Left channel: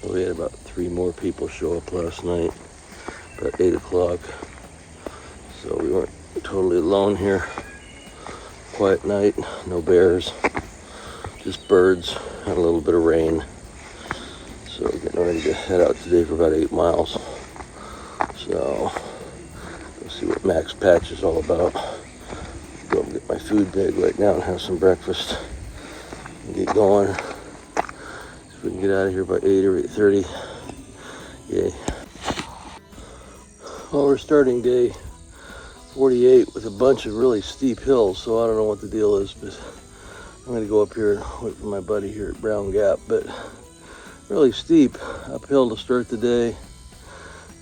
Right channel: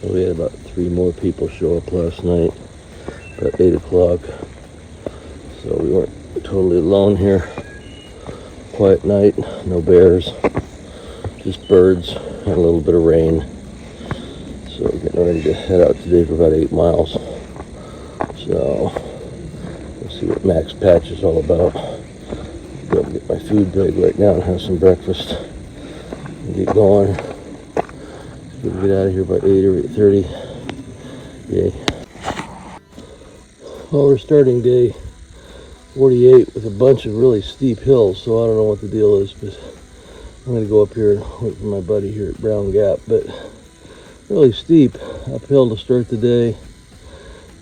We had about 3 more people show up last night, about 8 o'clock. So we weren't totally alone here. Quiet night, no bears, just birds and a little bit of rain. So we're getting ready to head out today for about 8 miles. So we'll see what Max Patch is all about. Go get my food bag right now and have some breakfast and get going. We can get out of here by 8 or 8:30. Yay. Well, we're starting day 48 with a bunch of really steep hills, so I don't know what the deal is, but I'm going to go up here and wait for my buddy here at Brown Gap. But really steep uphill to start the day.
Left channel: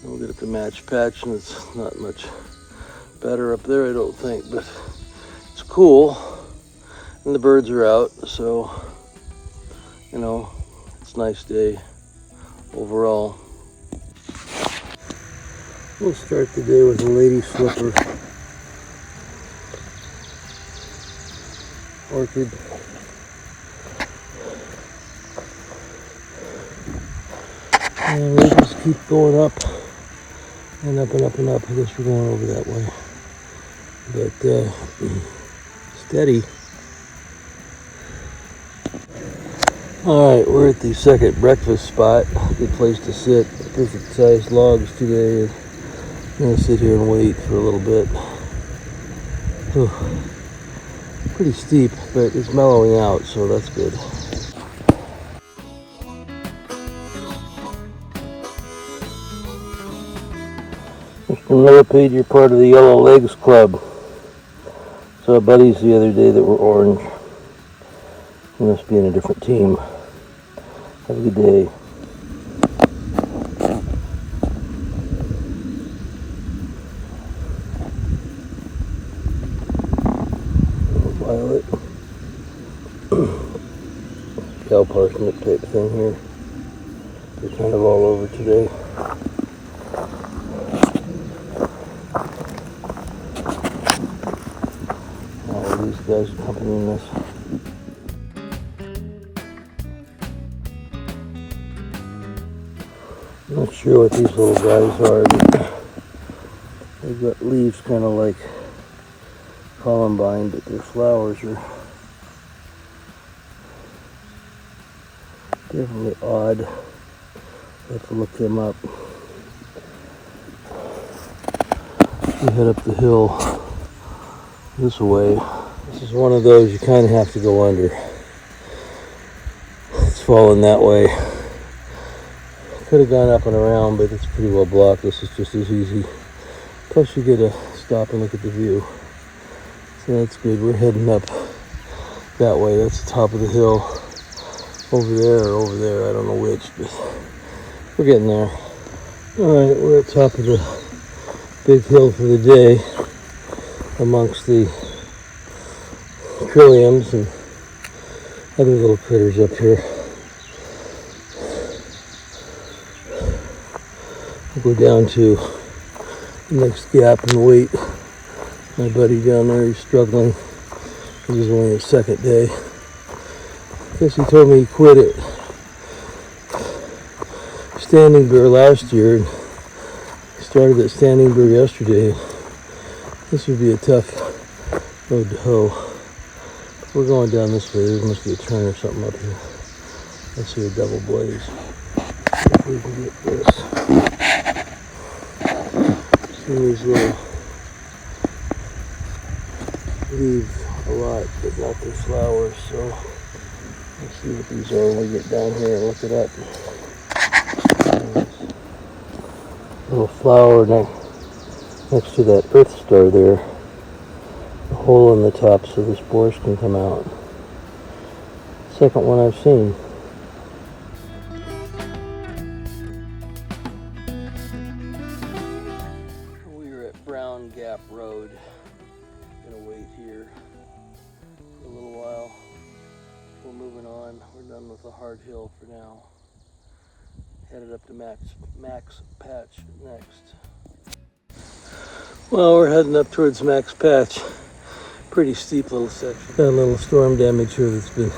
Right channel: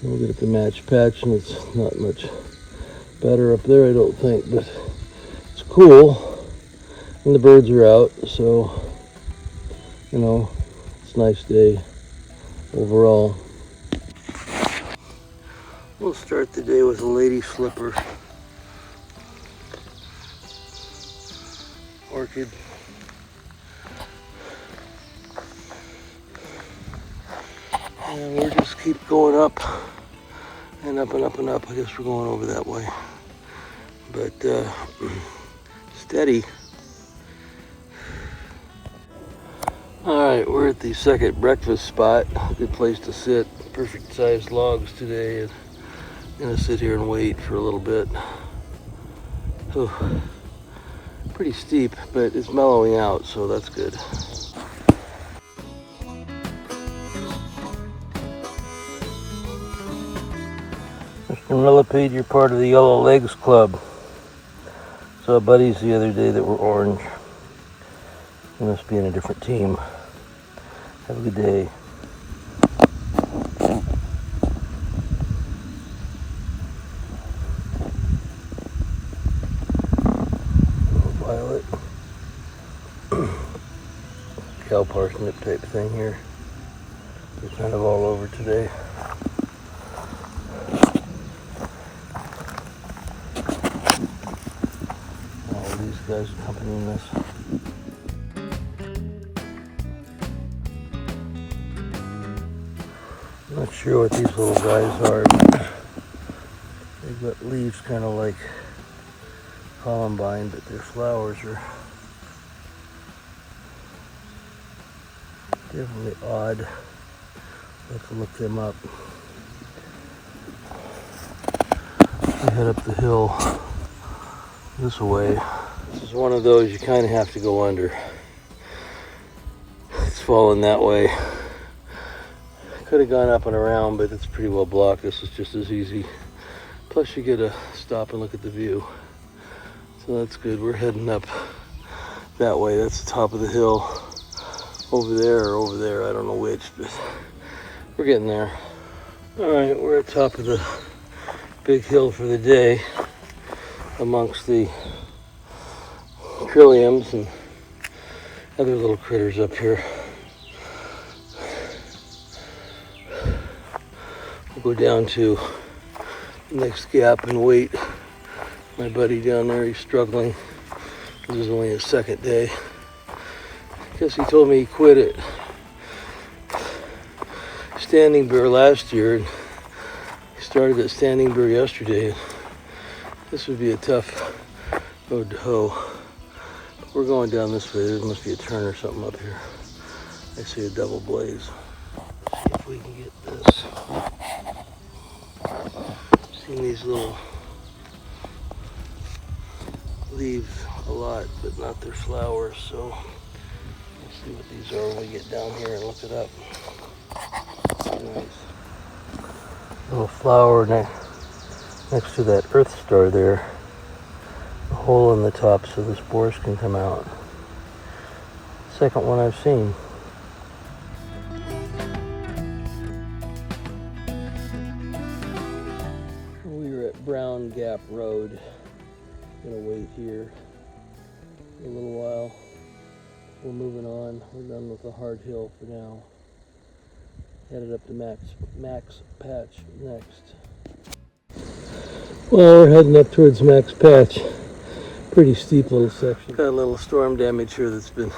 We'll get up to Match Patch, and it's not much better up there, I don't think, but it's cool, and the birds are out, so, you know, it's a nice day overall. We'll start the day with a lady flipper orchid. And we just keep going up and up and up and up. I guess we're going over that way. But steady. Alright, we're at the second breakfast spot. Good place to sit. Perfect sized logs today. I'm going to sit here and wait for a little bit. Whew. Pretty steep, but it's mellowing out, so that's good. Mr. Millipede, you're part of the Yellow Legs Club. Saw buddies the other day that were orange. You must be in a different team. Have a good day. Violet. Cow parsnip type thing here. They're kind of all over today. These guys accompanying this. I'm not sure what these little guys are, but they've got leaves kind of like columbine, but their flowers are definitely odd. I have to look them up. We head up the hill this way. This is one of those you kind of have to go under. It's falling that way. Could have gone up and around, but it's pretty well blocked. This is just as easy. Plus you get to stop and look at the view. So that's good. We're heading up that way. That's the top of the hill. Over there or over there, I don't know which, but we're getting there. Alright, we're at the top of the big hill for the day amongst the trilliums and other little critters up here. We'll go down to the next gap and wait. My buddy down there, he's struggling. This is only his second day. I guess he told me he quit it Standing Bear last year and started at Standing Bear yesterday. This would be a tough road to hoe. We're going down this way. There must be a turn or something up here. I see a double blaze. If we can get this. Seen these little leaves a lot, but not their flowers, so let's see what these are when we get down here and look it up. Little flower next to that earth star there. A hole in the top so the spores can come out. Second one I've seen. We are at Brown Gap Road. Gonna wait here for a little while. We're moving on. We're done with the hard hill for now. Headed up to Max Patch next. Well, we're heading up towards Max Patch. Pretty steep little section. Got a little storm damage here that's been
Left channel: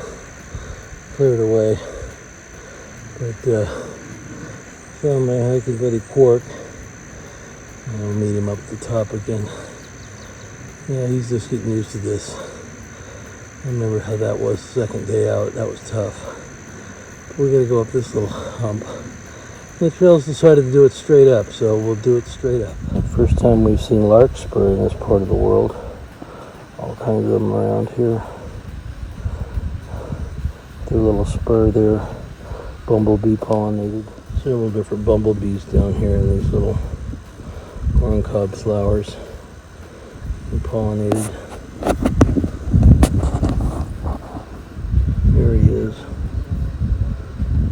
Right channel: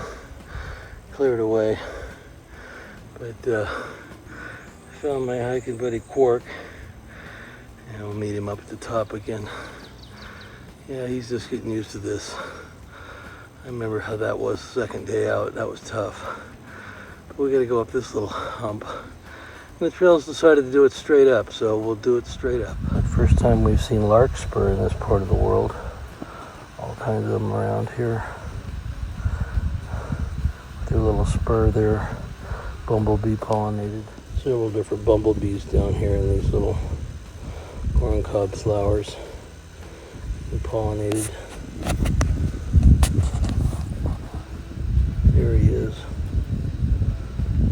cleared away. But Found my hiking buddy Quark. And I'll meet him up at the top again. Yeah, he's just getting used to this. I remember how that was the second day out. That was tough. But we're gonna go up this little hump. And the trails decided to do it straight up, so we'll do it straight up. First time we've seen larkspur in this part of the world. All kinds of them around here. Their little spur there, bumblebee pollinated. Several different bumblebees down here in these little corncob flowers. They're pollinated. There he is.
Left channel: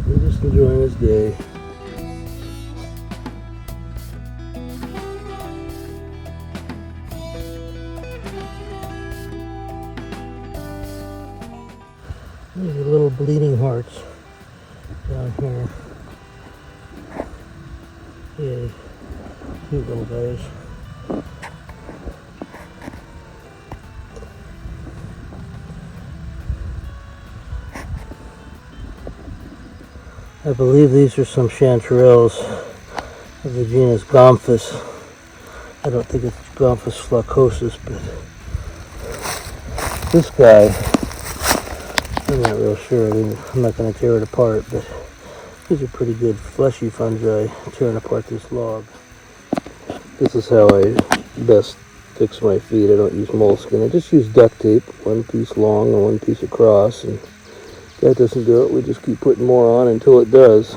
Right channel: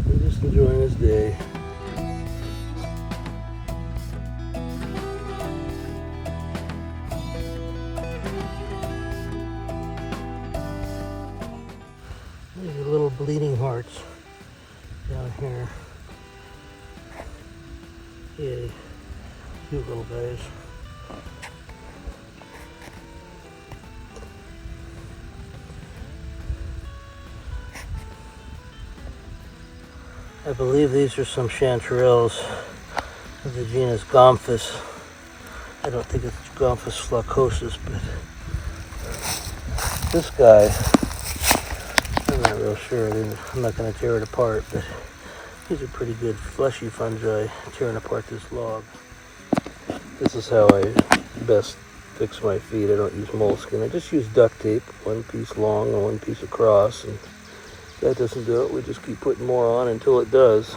He's just enjoying his day. These are little bleeding hearts down here. Yay. Cute little guys. I believe these are some chanterelles of the genus Gomphus. I don't think it's Gomphus flaccosus, but this guy, I'm not real sure. I'm not going to tear it apart, but these are pretty good fleshy fungi tearing apart this log. This is how I best fix my feet. I don't use moleskin. I just use duct tape, one piece long and one piece across, and that doesn't do it. We just keep putting more on until it does.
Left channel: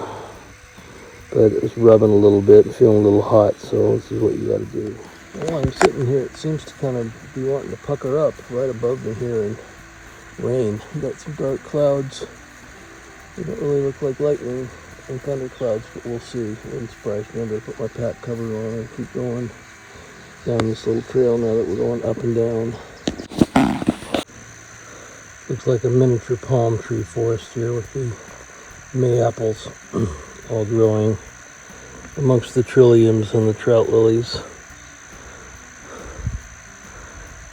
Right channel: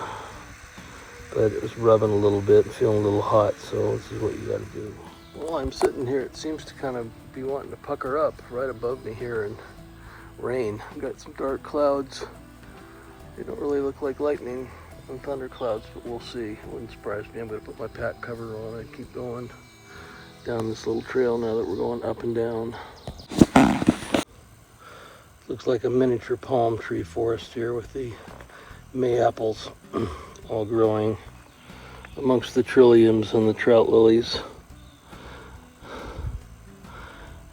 But it's rubbing a little bit and feeling a little hot, so this is what you got to do. While I'm sitting here, it seems to kind of be wanting to pucker up right above me here and rain. We've got some dark clouds. They don't really look like lightning and thunder clouds, but we'll see. It wouldn't surprise me. I'm going to put my pack cover on and keep going down this little trail now that we're going up and down. Looks like a miniature palm tree forest here with the mayaples all growing amongst the trilliums and the trout lilies.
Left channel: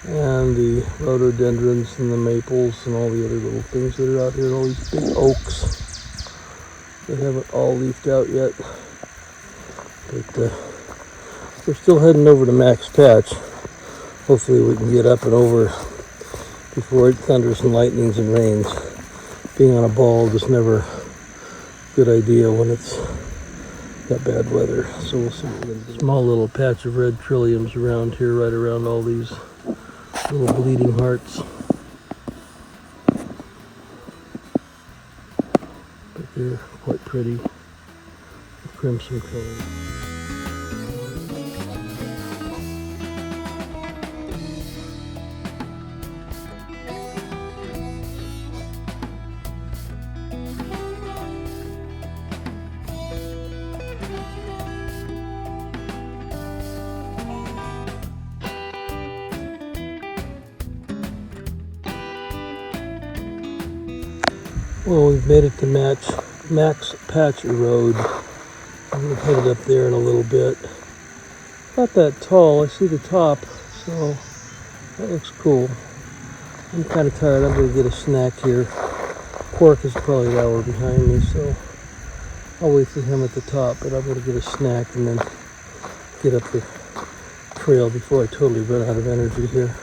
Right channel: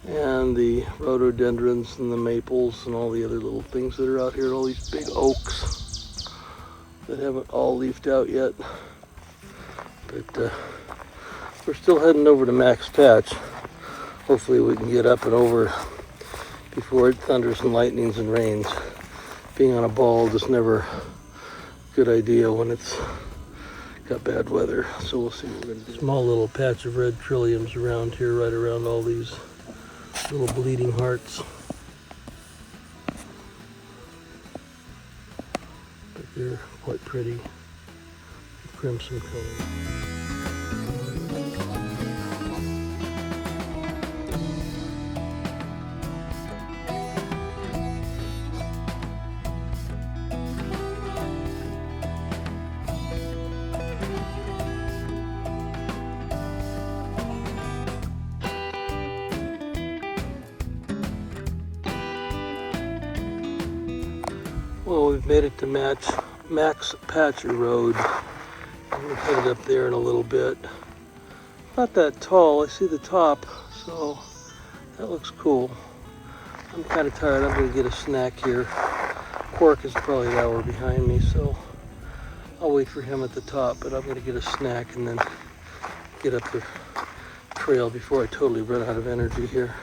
And the rhododendrons and the maples and all the other little things that are out here, and all these big oaks that haven't all leafed out yet. But we're still heading over to Max Patch. Hopefully we can get up and over before it thunders and lightnings and rains. Being on a bald is never a good idea when it's got bad weather. So we'll see what we're going to do. Small little patch of red trilliums around here, right around all these little bleeding hearts. But they're quite pretty. Crimson color. Well, we've made it to Max Patch Road. I'm going to put it up there in a little bit. Not that tall. I see the top, so that looks cool. I'm kind of tired. I'm going to get a snack here. Quark is probably an hour behind me, so I'll wait for him at the top, but I'm going to get a snack and then get up the trail before I totally run out of energy here.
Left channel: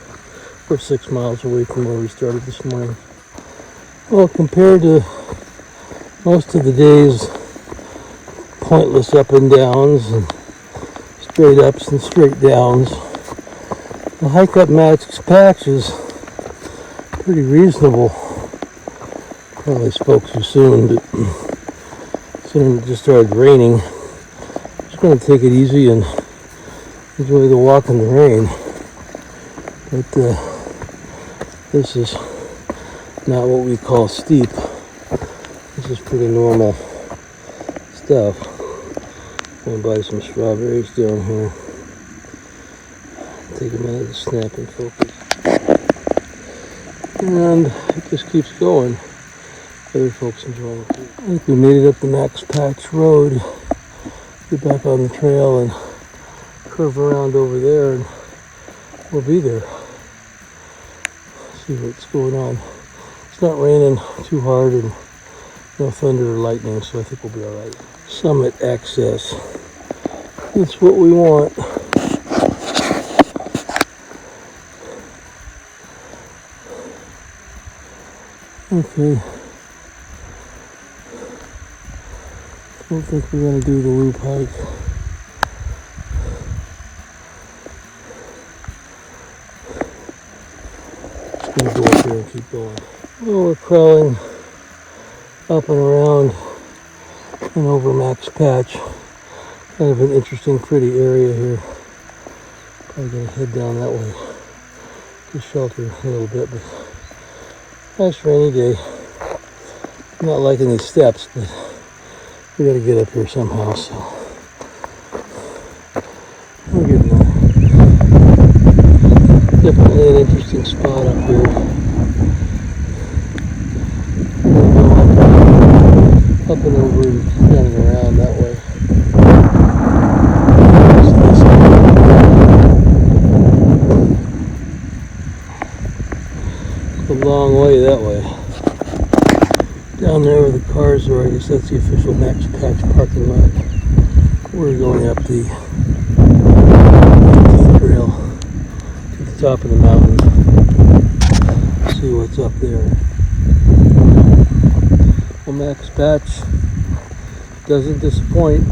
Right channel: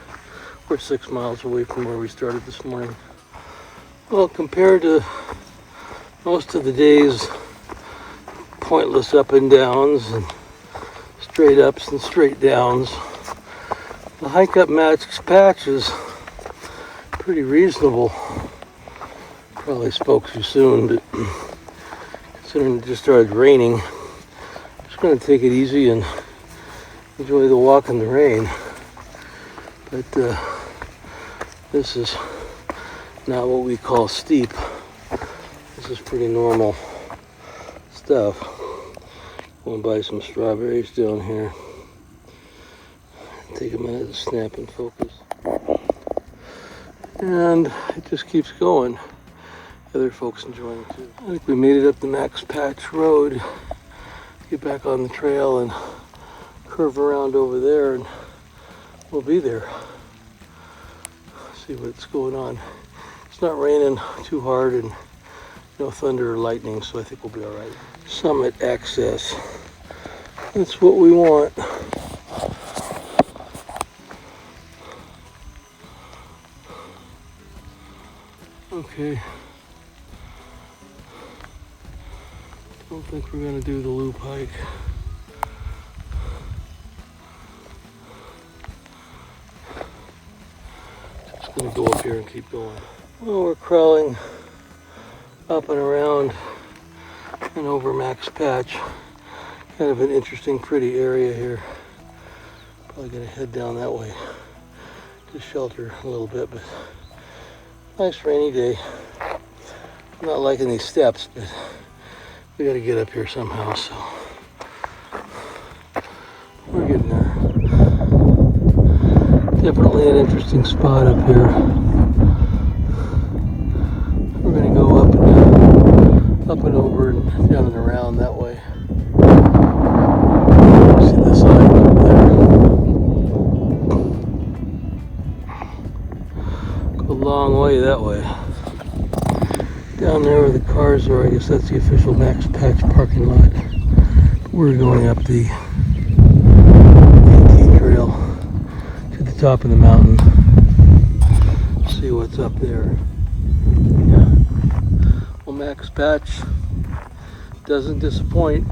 We're 6 miles away from where we started this morning. Well, compared to most of the day's pointless up and downs and straight ups and straight downs, the hike up Max Patch is pretty reasonable. Probably spoke too soon, but soon it just started raining. Just going to take it easy and enjoy the walk in the rain. But this is not what we call steep. This is pretty normal stuff. I'm gonna buy some strawberries down here. Take a minute to snap and focus. And it just keeps going. Other folks enjoying it too. I think we made it up the Max Patch Road. Get back on the trail and curve around over there and we'll be there. See what's going on. It's not raining too hard and No thunder or lightning, so I think we'll be all right. Summit access. That's what we want. Okay. Don't think we're gonna do the loop hike. Just gonna go up here and keep going. Well, we're crawling up and around and over Max Patch. Kind of an interesting, pretty area here. Probably gonna head down that way to shelter a little bit, but nice rainy day. I'm not liking these steps, but we gotta get up here somehow, so we're getting there. Definitely an interesting spot up here. We're gonna go up and over and down and around that way. A long way that way. Down there where the cars are, I guess that's the official Max Patch parking lot. We're going up the trail to the top of the mountain. See what's up there. Well, Max Patch doesn't disappoint.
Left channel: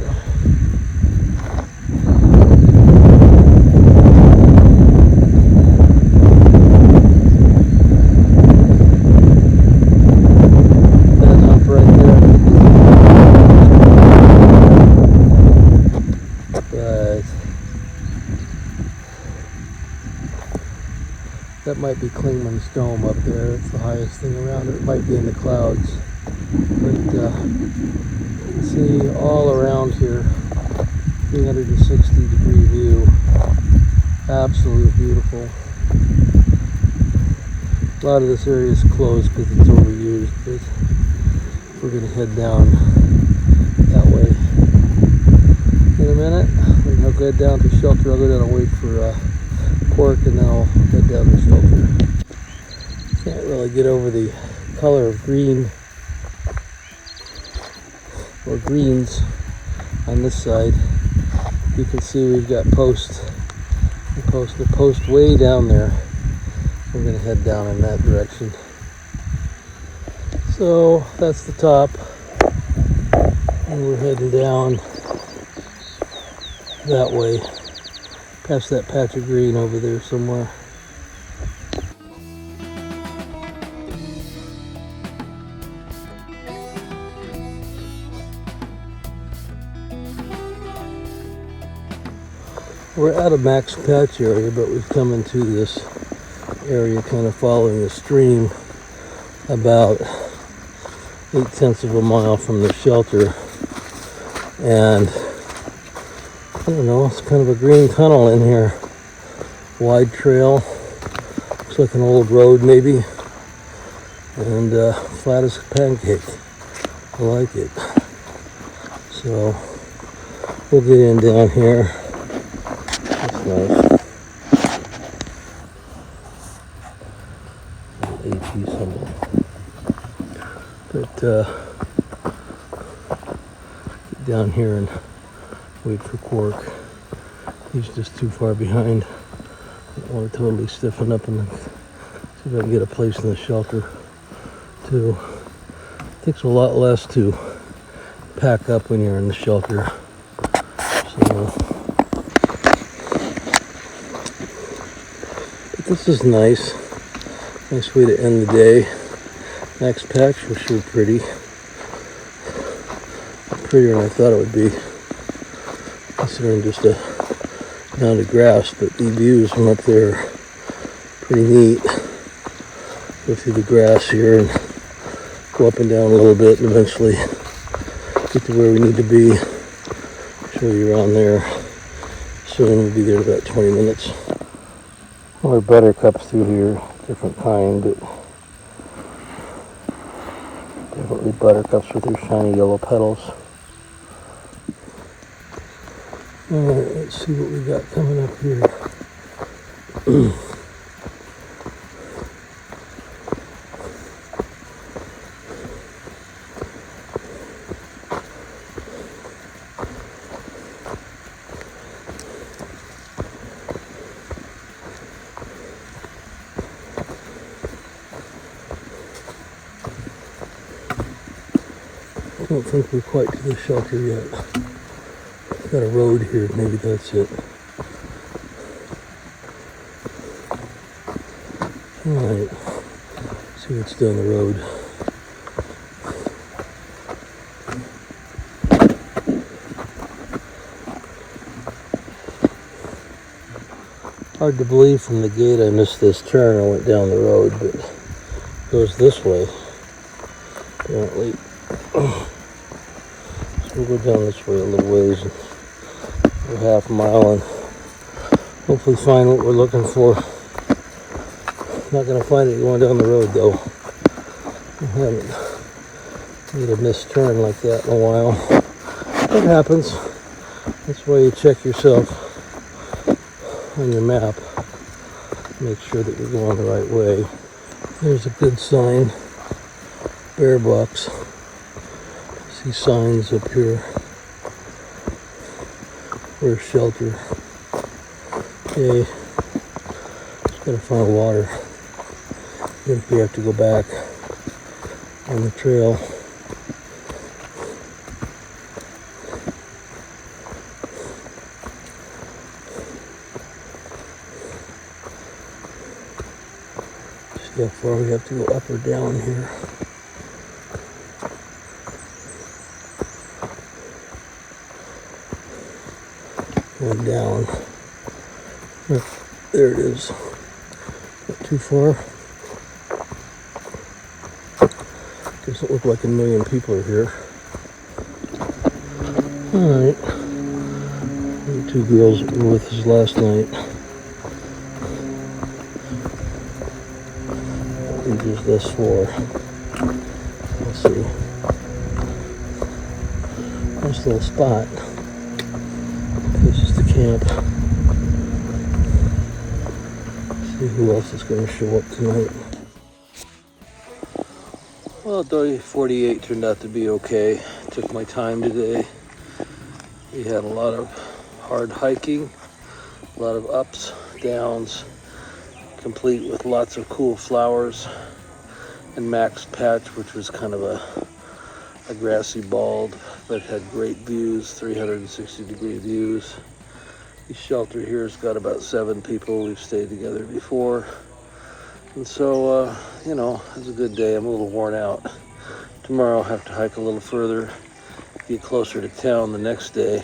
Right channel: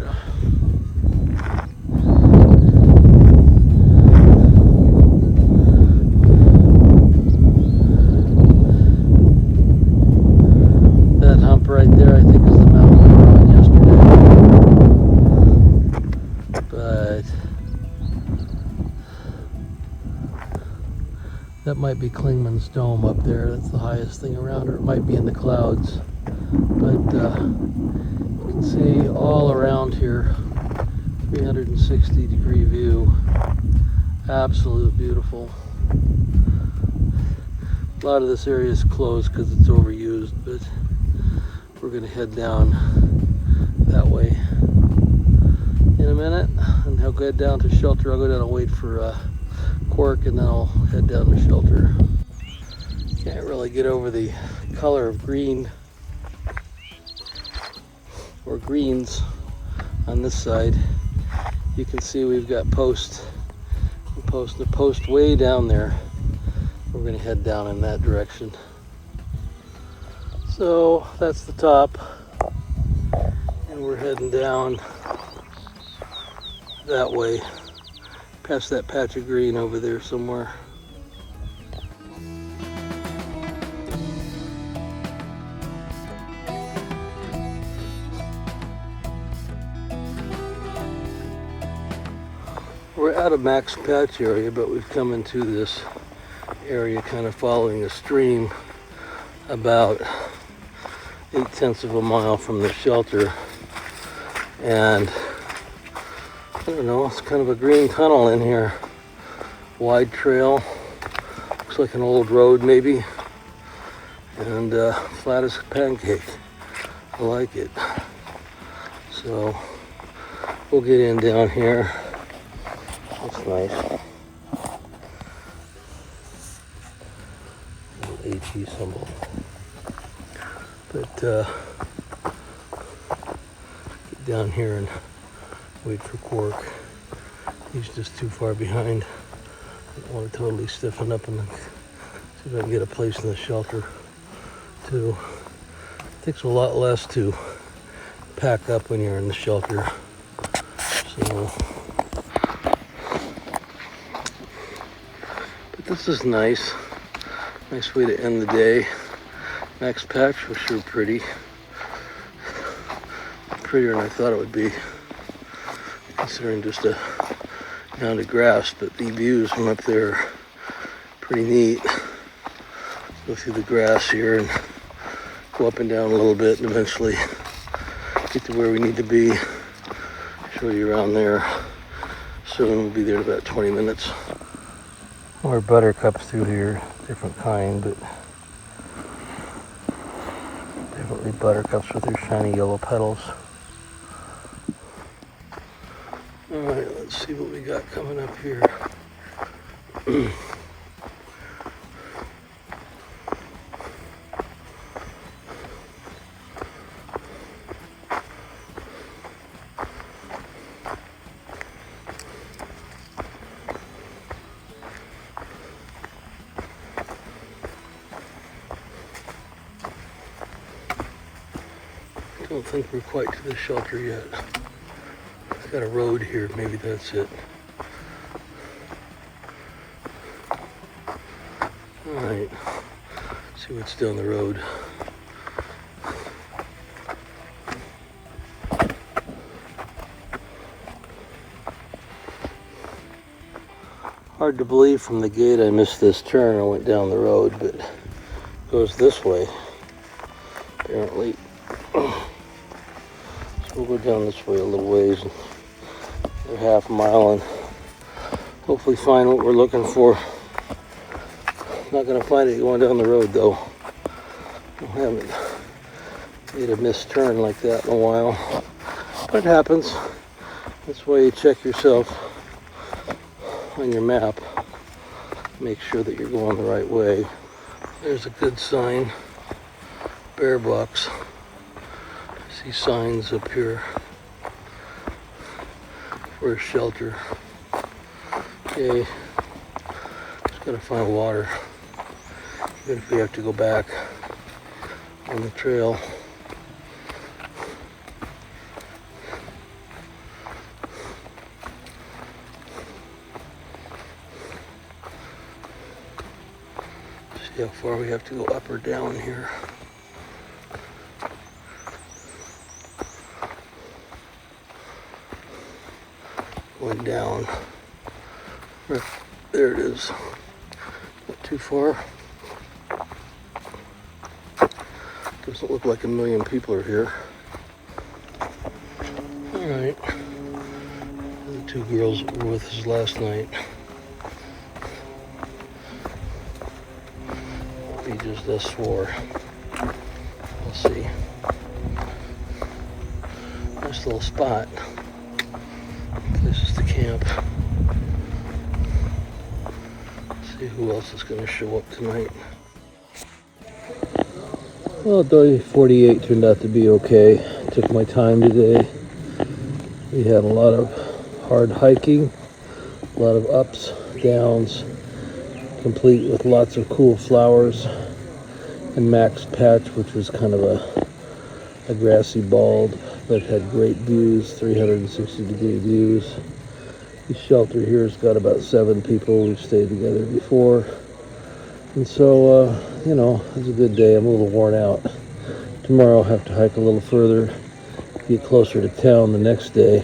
That might be Klingman's Dome up there. That's the highest thing around. It might be in the clouds. But you can see all around here, 360-degree view. Absolutely beautiful. A lot of this area is closed because it's overused, but we're going to head down that way in a minute. And I'll go down to shelter. I'll go down and wait for Quark, and then I'll head down to shelter. Can't really get over the color of green or greens on this side. You can see we've got the post way down there. We're going to head down in that direction. So that's the top, and we're heading down that way, past that patch of green over there somewhere. We're out of Max Patch area, but we've come into this area kind of following a stream about 0.8 of a mile from the shelter. And I don't know, it's kind of a green tunnel in here. Wide trail. Looks like an old road maybe. And flat as a pancake. I like it. So we'll get in down here. That's nice. An AT symbol. But get down here and wait for Quark. He's just too far behind. I don't want to totally stiffen up and see if I can get a place in the shelter too. It takes a lot less to pack up when you're in the shelter. So, but this is nice. Nice way to end the day. Max Patch was sure pretty. Prettier than I thought it would be, considering just a mound of grass, but the views from up there are pretty neat. Go through the grass here and go up and down a little bit and eventually get to where we need to be. Show you around there soon. We'll be there in about 20 minutes. More buttercups through here, different kind, but definitely buttercups with their shiny yellow petals. Alright, let's see what we got coming up here. Don't think we're quite to the shelter yet. Got a road here, maybe that's it. Alright, see what's down the road. Hard to believe from the gate I missed this turn. I went down the road, but it goes this way, apparently. So we'll go down this way a little ways, a half mile, and hopefully find what we're looking for. Not going to find it going down the road, though. I haven't made a missed turn like that in a while. That happens. That's why you check yourself on your map. Make sure that you're going the right way. There's a good sign. Bear box. See signs up here for a shelter. Okay, just gotta find water. Even if we have to go back on the trail. See how far we have to go up or down here. Going down. There it is. Not too far. Doesn't look like a million people are here. Alright. The two girls that were with us last night. I think there's this four. Let's see. Nice little spot. Places to camp. See who else is going to show up tonight. Well, day 48 turned out to be okay. Took my time today. We had a lot of hard hiking, a lot of ups, downs, complete with lots of cool flowers, and Max Patch, which was kind of a grassy bald, but had great views, 360-degree views. The shelter here's got about 7 people. We've stayed together before. And so, you know, it was a good day. I'm a little worn out. Tomorrow I'll have to hike a little further, get closer to town the next day.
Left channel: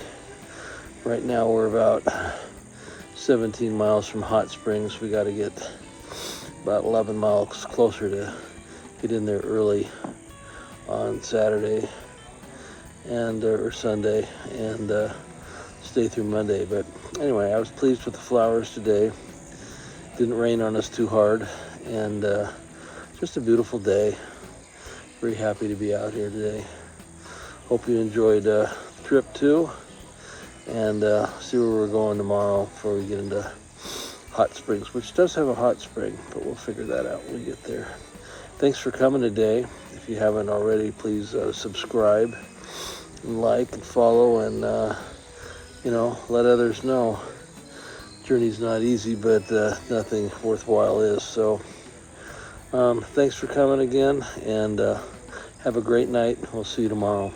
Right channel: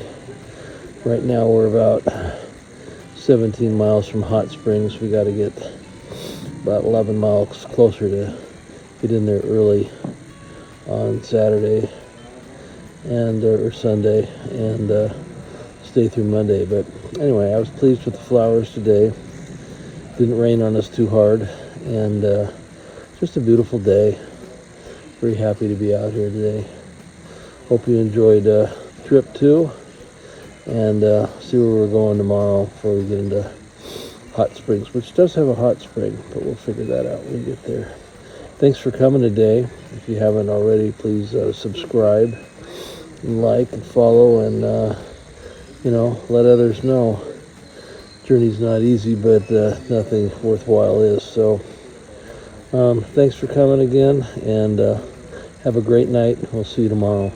Right now we're about 17 miles from Hot Springs. We got to get about 11 miles closer to get in there early on Saturday and or Sunday and stay through Monday. But anyway, I was pleased with the flowers today. Didn't rain on us too hard, and just a beautiful day. Very happy to be out here today. Hope you enjoyed the trip too, and see where we're going tomorrow before we get into Hot Springs, which does have a hot spring, but we'll figure that out when we get there. Thanks for coming today. If you haven't already, please subscribe and like and follow, and you know, let others know. Journey's not easy, but nothing worthwhile is. So thanks for coming again, and have a great night. We'll see you tomorrow.